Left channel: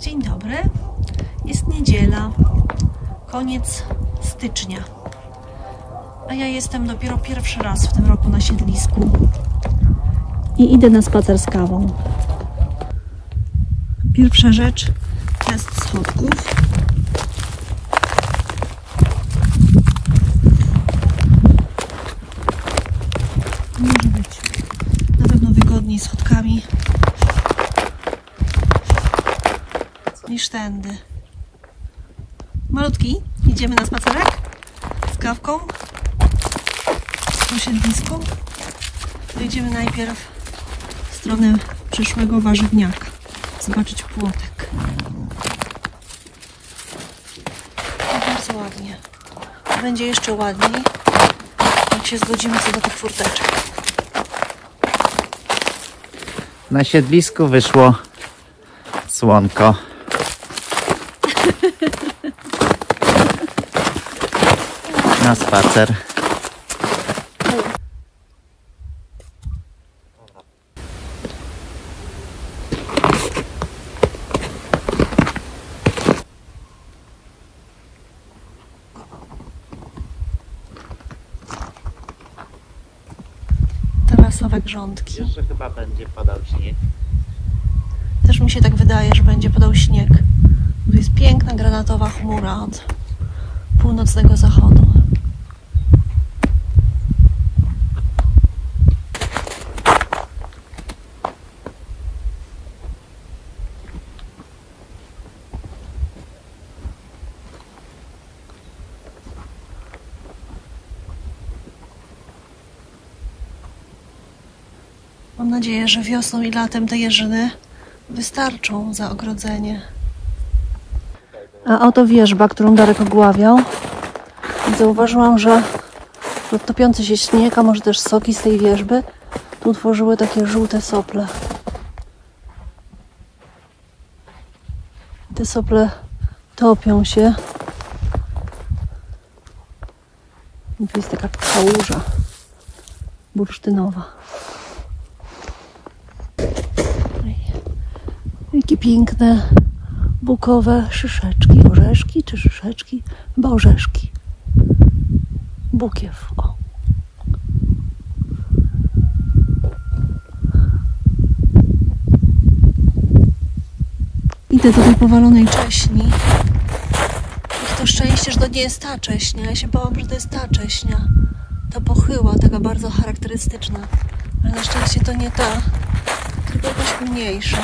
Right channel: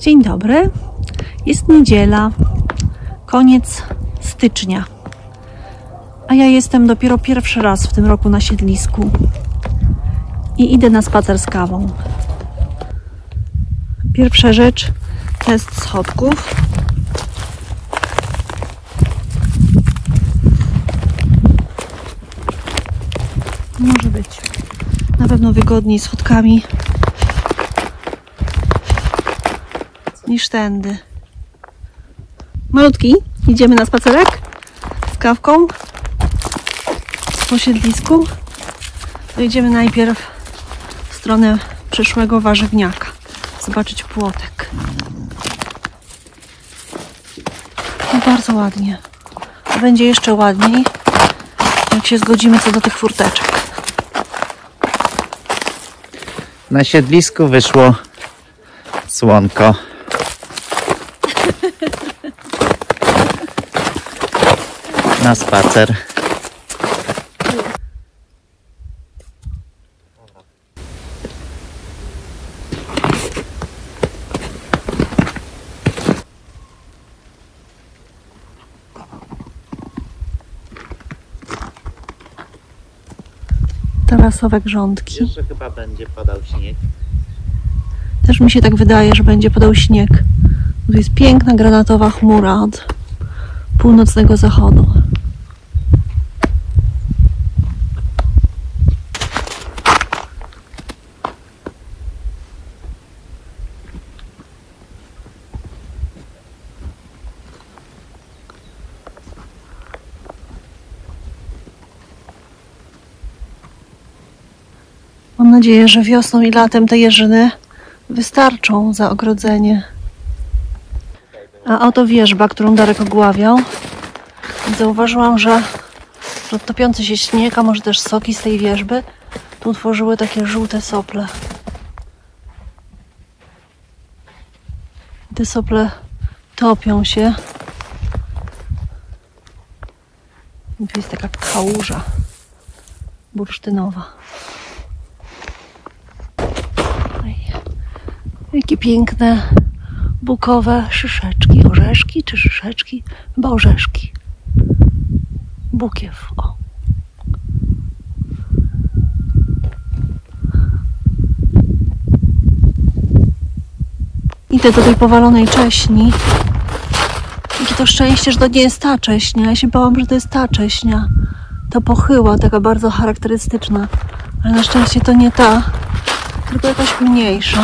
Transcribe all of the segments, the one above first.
Dzień dobry. Jest niedziela, koniec stycznia, a ja jestem dopiero pierwszy raz w tym roku na siedlisku i idę na spacer z kawą. Pierwsza rzecz, test schodków. Może być na pewno wygodniej schodkami niż tędy. Malutki, idziemy na spacerek z kawką po siedlisku. Idziemy najpierw w stronę przyszłego warzywniaka, zobaczyć płotek. I bardzo ładnie. Będzie jeszcze ładniej, jak się zgodzimy co do tych furteczek. Na siedlisku wyszło słonko. Na spacer. Tarasowe grządki. Jeszcze chyba będzie padał śnieg. Też mi się tak wydaje, że będzie padał śnieg. Tu jest piękna granatowa chmura od północnego zachodu. Mam nadzieję, że wiosną i latem te jeżyny wystarczą za ogrodzenie. A oto wierzba, którą Darek ogławiał. Zauważyłam, że topiący się śnieg, a może też soki z tej wierzby, tu utworzyły takie żółte sople. Te sople topią się. I tu jest taka kałuża bursztynowa. Jakie piękne bukowe szyszeczki, orzeszki czy szyszeczki? Chyba orzeszki. Bukiew, o. Idę do tej powalonej cześni. Jakie to szczęście, że to nie jest ta cześnia. Ja się bałam, że to jest ta cześnia. Ta pochyła, taka bardzo charakterystyczna. Ale na szczęście to nie ta, tylko jakaś mniejsza.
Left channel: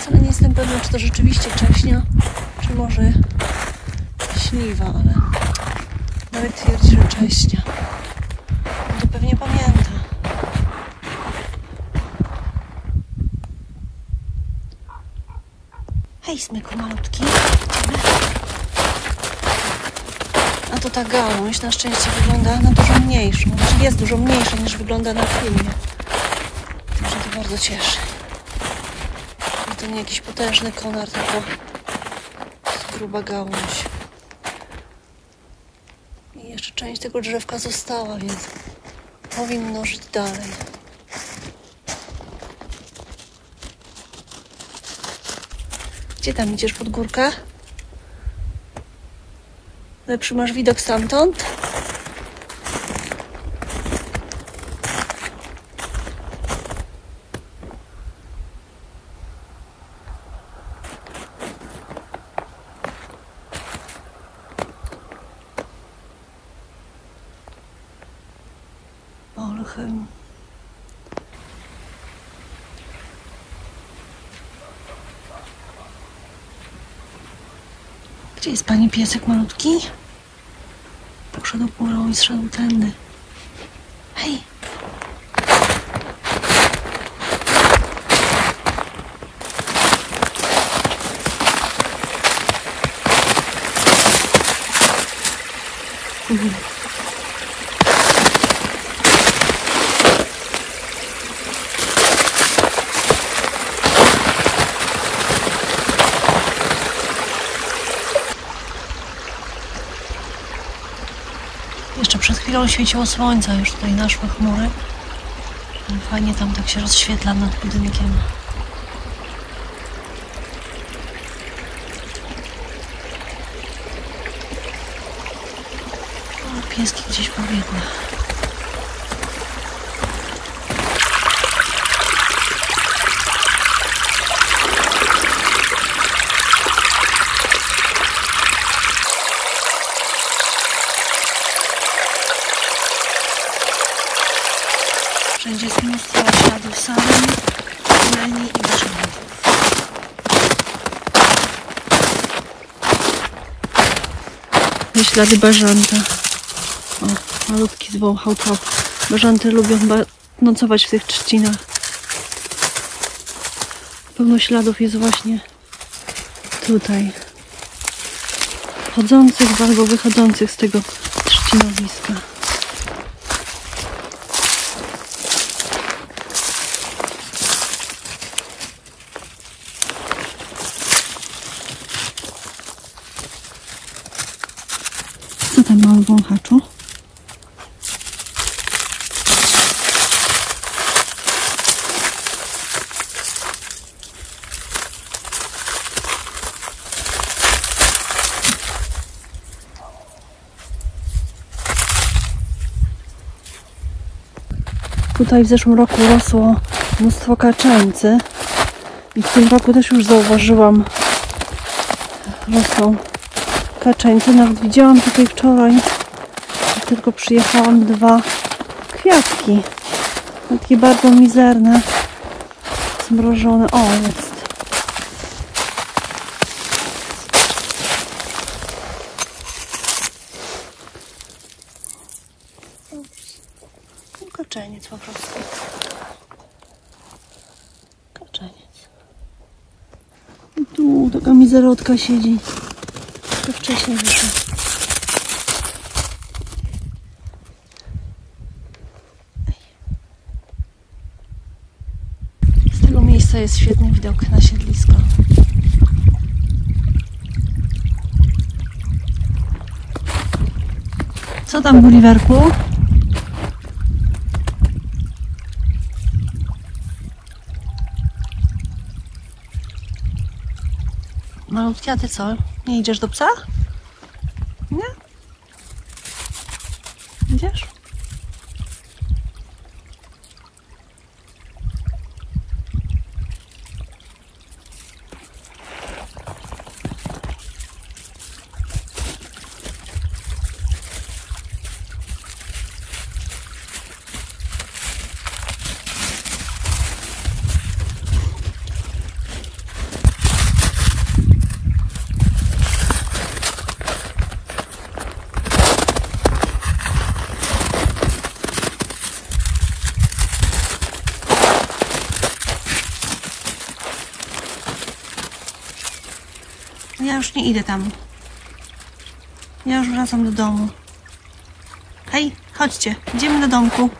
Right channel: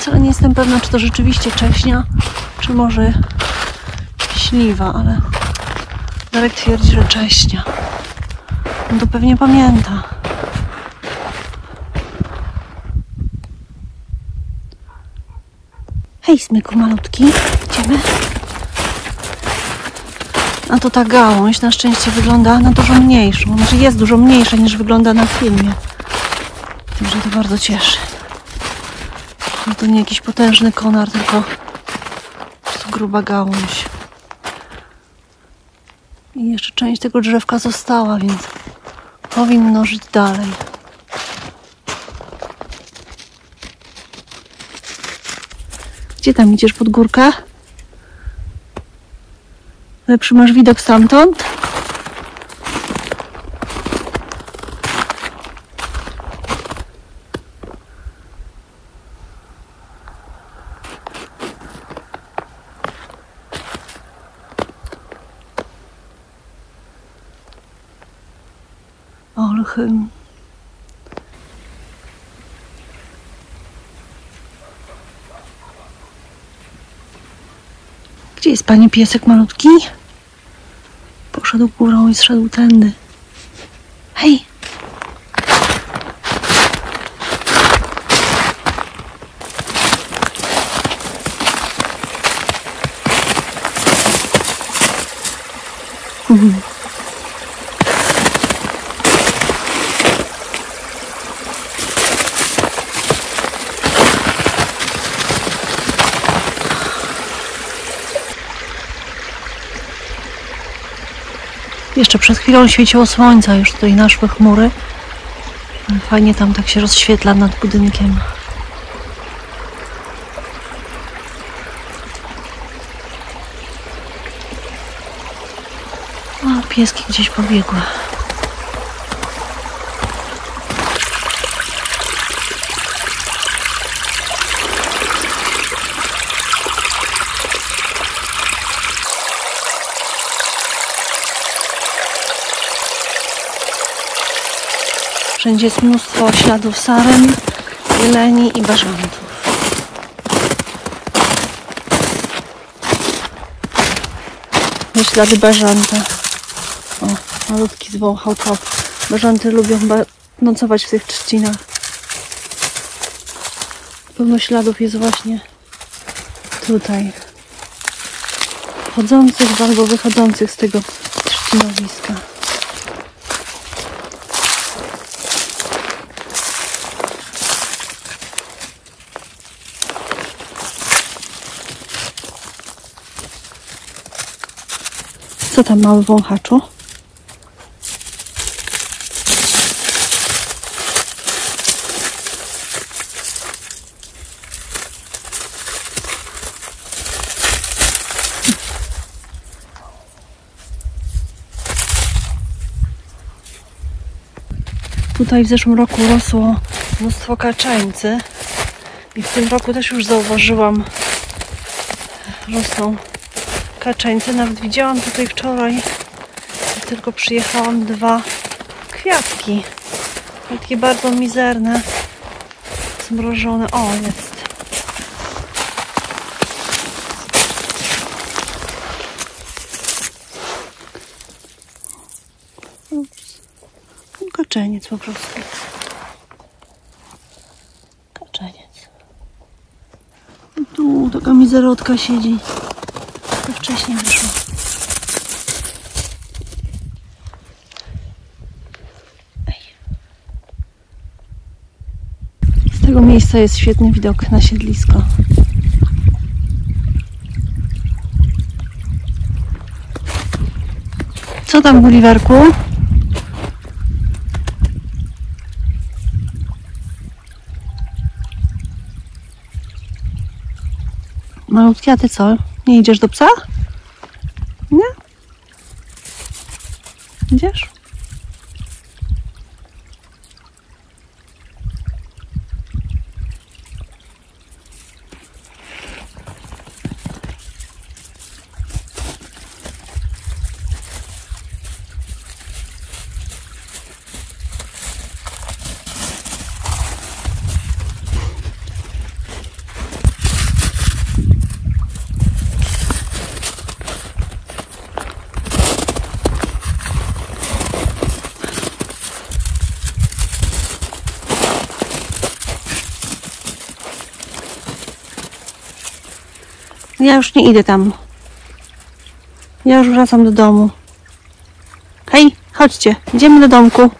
Wcale nie jestem pewna, czy to rzeczywiście cześnia, czy może śliwa, ale Darek twierdzi, że cześnia. On to pewnie pamięta. Hej, smyku malutki. Idziemy. A to ta gałąź na szczęście wygląda na dużo mniejszą. Znaczy jest dużo mniejsza niż wygląda na filmie. Także to bardzo cieszy. No to nie jakiś potężny konar, tylko po prostu gruba gałąź. I jeszcze część tego drzewka została, więc powinno żyć dalej. Gdzie tam idziesz, pod górkę? Lepszy masz widok stamtąd? Olchym. Gdzie jest pani piesek malutki? Poszedł górą i zszedł tędy. Hej! Jeszcze przed chwilą świeciło słońce, już tutaj naszły chmury. Fajnie tam tak się rozświetla nad budynkiem. O, pieski gdzieś pobiegły. Wszędzie jest mnóstwo śladów saren, zieleni i bażantów. I ślady bażanta. O, malutki zwąchał trop. Bażanty lubią nocować w tych trzcinach. Pełno śladów jest właśnie tutaj. Wchodzących albo wychodzących z tego trzcinowiska. Co tam mały wąchaczu? Tutaj w zeszłym roku rosło mnóstwo kaczeńcy i w tym roku też już zauważyłam, rosną kaczeńce. Nawet widziałam tutaj wczoraj, jak tylko przyjechałam, 2 kwiatki. Takie bardzo mizerne, zmrożone. O, jest. Ups. Kaczeniec po prostu. Kaczeniec. I tu taka mizerotka siedzi. Wcześniej wyszło. Z tego miejsca jest świetny widok na siedlisko. Co tam, Gulliverku? Malutki, a ty co? Nie idziesz do psa? Nie? Idziesz? Ja już nie idę tam. Ja już wracam do domu. Hej, chodźcie, idziemy do domku.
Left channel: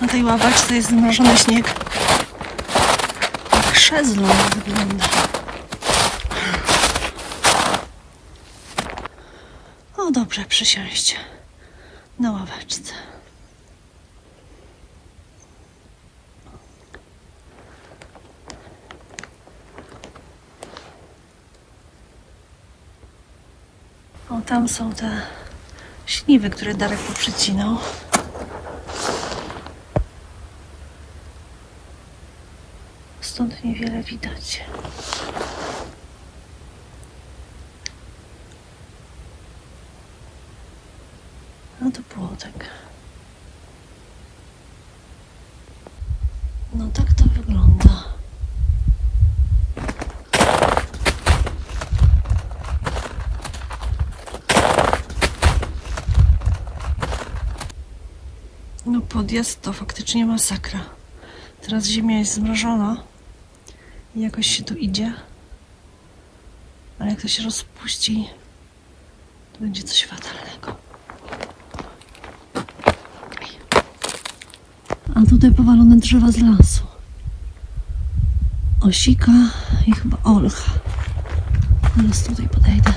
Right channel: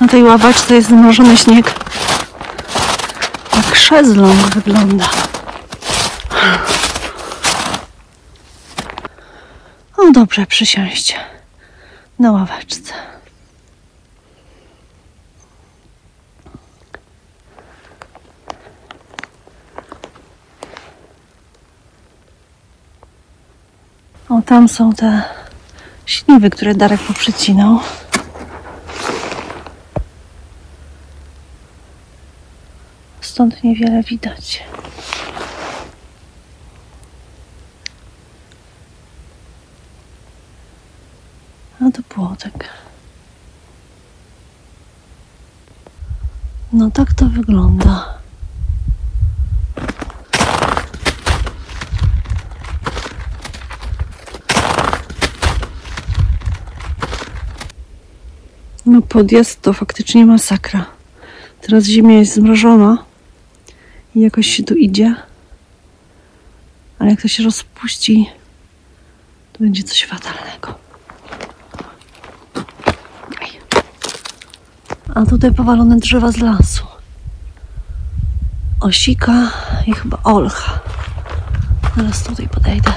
Na tej ławaczce jest zmrożony śnieg. Jak szezlong wygląda. O, dobrze, przysiąść na ławeczce. O, tam są te śliwy, które Darek poprzecinał. Stąd niewiele widać. A to płotek. No tak to wygląda. No podjazd to faktycznie masakra. Teraz ziemia jest zmrożona i jakoś się tu idzie. A jak to się rozpuści, to będzie coś fatalnego. A tutaj powalone drzewa z lasu. Osika i chyba olcha. Zaraz tutaj podejdę.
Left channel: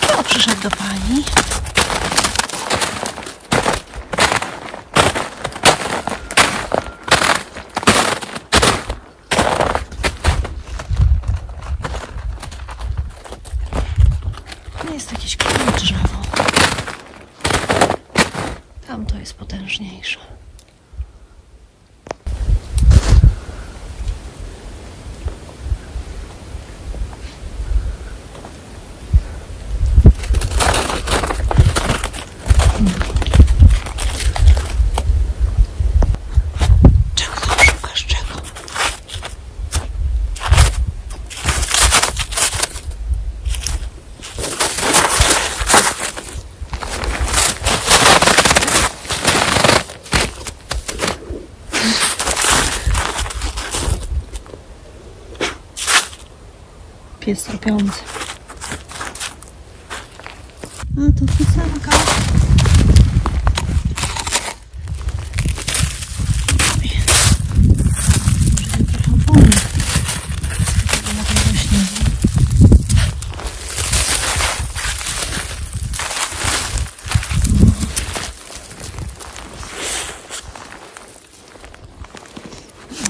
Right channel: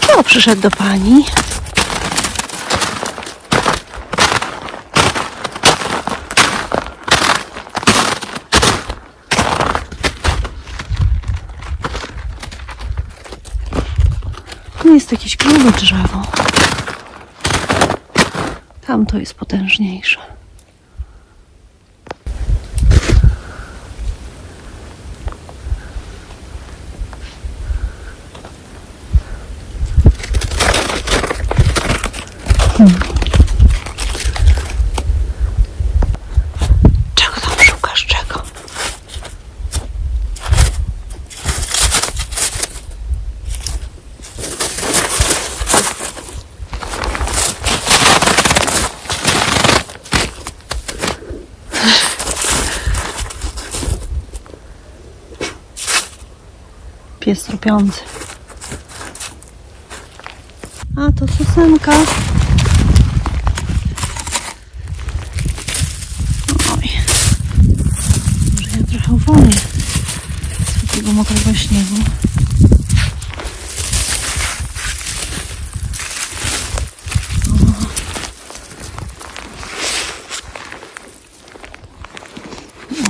Kto przyszedł do pani? Tu jest jakieś grube drzewo. Tamto jest potężniejsze. Czego tam szukasz? Czego? Pies trupiący. A to piosenka. Oj. Może ja trochę uwolnię tego mokrego śniegu.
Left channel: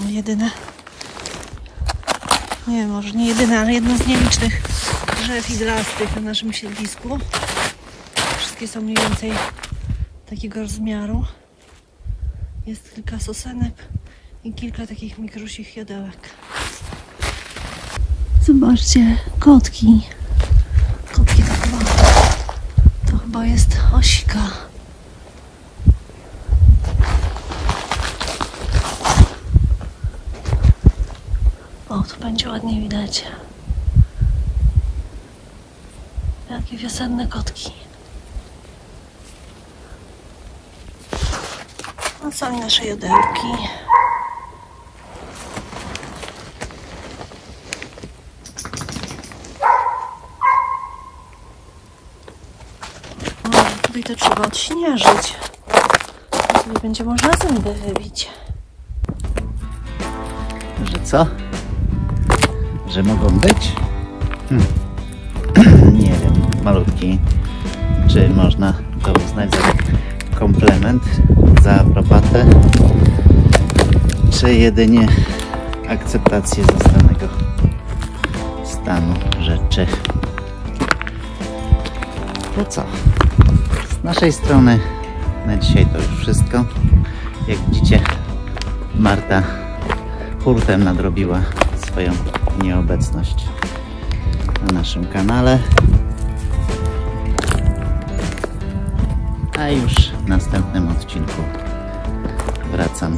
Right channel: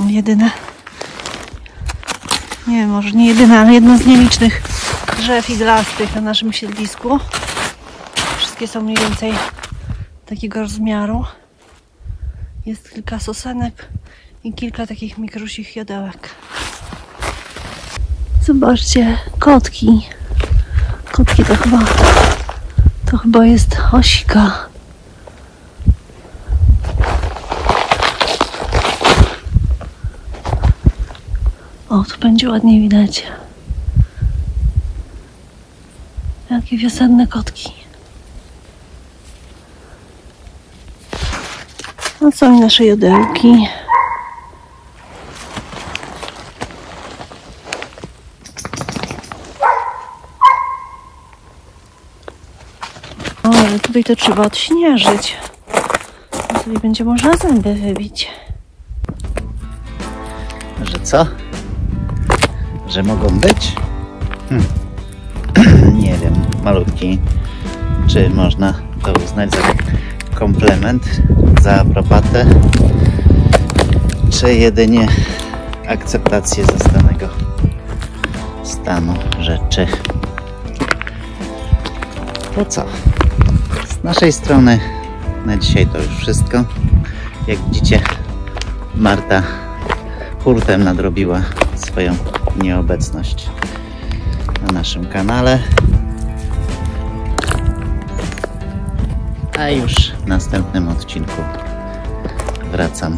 O, jedyne. Nie wiem, może nie jedyne, ale jedno z nielicznych drzew iglastych na naszym siedlisku. Wszystkie są mniej więcej takiego rozmiaru. Jest kilka sosenek i kilka takich mikrusich jodełek. Zobaczcie, kotki. Kotki to chyba jest osika. O, tu będzie ładnie widać. Jakie wiosenne kotki. No są i nasze jodełki. O, ale tutaj to trzeba odśnieżyć. Tutaj będzie można zęby wybić. Że co? Że mogą być? Nie wiem, malutki. Czy można to uznać za komplement, za aprobatę, czy jedynie akceptację zastanego stanu rzeczy? To co? Z naszej strony na dzisiaj to już wszystko. Jak widzicie, Marta hurtem nadrobiła swoją nieobecność na naszym kanale. A już w następnym odcinku wracamy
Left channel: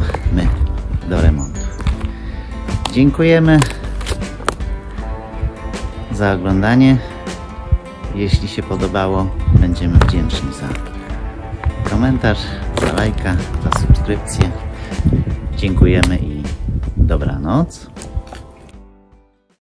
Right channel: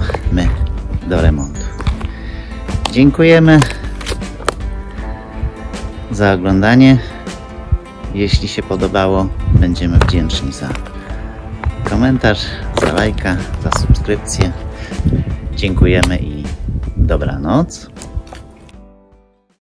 do remontu. Dziękujemy za oglądanie. Jeśli się podobało, będziemy wdzięczni za komentarz, za lajka, za subskrypcję. Dziękujemy i dobranoc.